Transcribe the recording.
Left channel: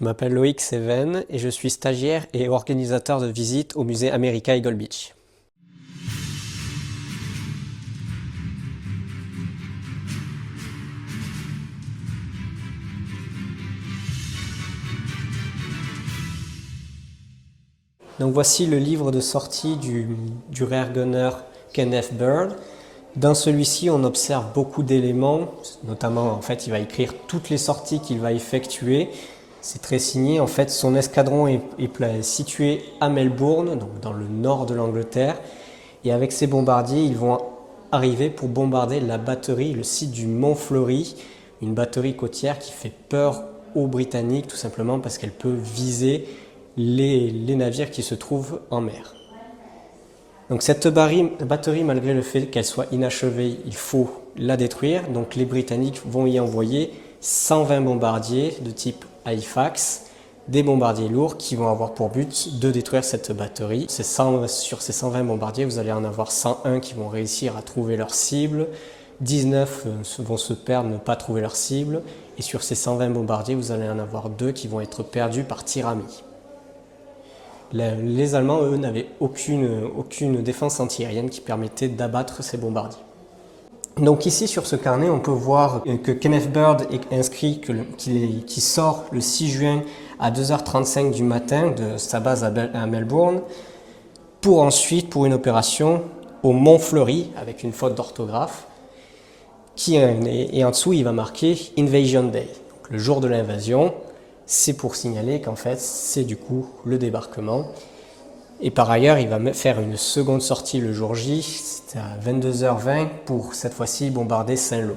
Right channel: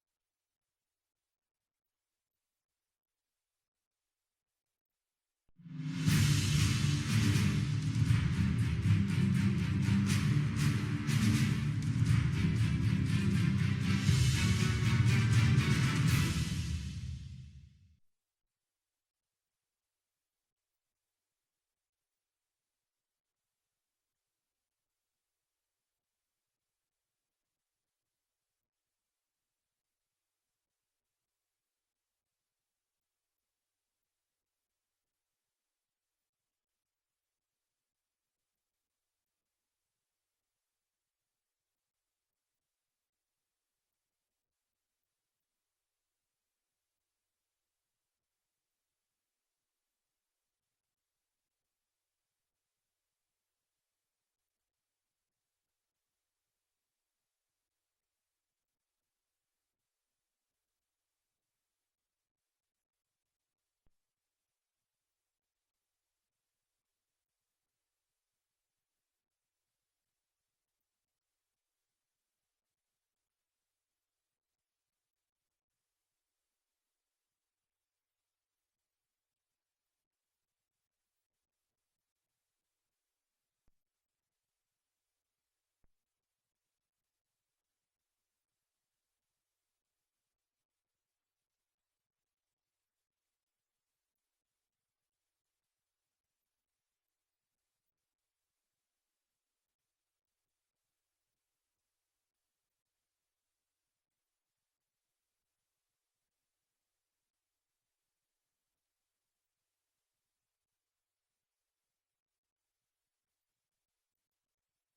Je m'appelle Loïc Seven et je suis stagiaire et organisateur de visites au musée America Eagle Beach. Donc voici le livre de sortie du rear gunner Kenneth Bird. Dans celui-ci, on observe beaucoup d'éléments, notamment en fait, il va écrire toutes les sorties qu'il va effectuer. C'est très signé. En fait, son escadron est situé à Melbourne, donc dans le nord de l'Angleterre. Et avec ces bombardiers, ils vont arriver pour bombarder la batterie, le site du Mont Flory, une batterie côtière qui fait peur aux Britanniques, tout simplement parce qu'elle peut viser les navires qui se trouvent en mer. Donc cette batterie, malgré le fait qu'elle soit inachevée, il faut la détruire. Donc les Britanniques vont y envoyer 120 bombardiers de type Halifax, des bombardiers lourds qui vont avoir pour but de détruire cette batterie. Sur ces 120 bombardiers, vous allez en avoir 101 qui vont réussir à trouver leur cible, 19 vont se perdre, ne pas trouver leur cible, et sur ces 120 bombardiers, vous allez en avoir 2 qui vont être perdus par tir ami. Les Allemands, eux, n'avaient aucune défense antiaérienne qui permettait d'abattre ces bombardiers. Donc ici, sur ce carnet, on peut voir que Kenneth Bird est inscrit qu'il sort le 6 juin à 2h35 du matin de sa base à Melbourne, pour ensuite, pour une opération au Mont Flory, avec une faute d'orthographe, et en dessous, il va marquer Invasion Day, donc le jour de l'invasion. C'est pour signaler qu'en fait, c'est du coup le débarquement. Et par ailleurs, il va faire une seconde sortie le jour J, c'était à 22h20 pour cette fois-ci bombarder Saint-Lô.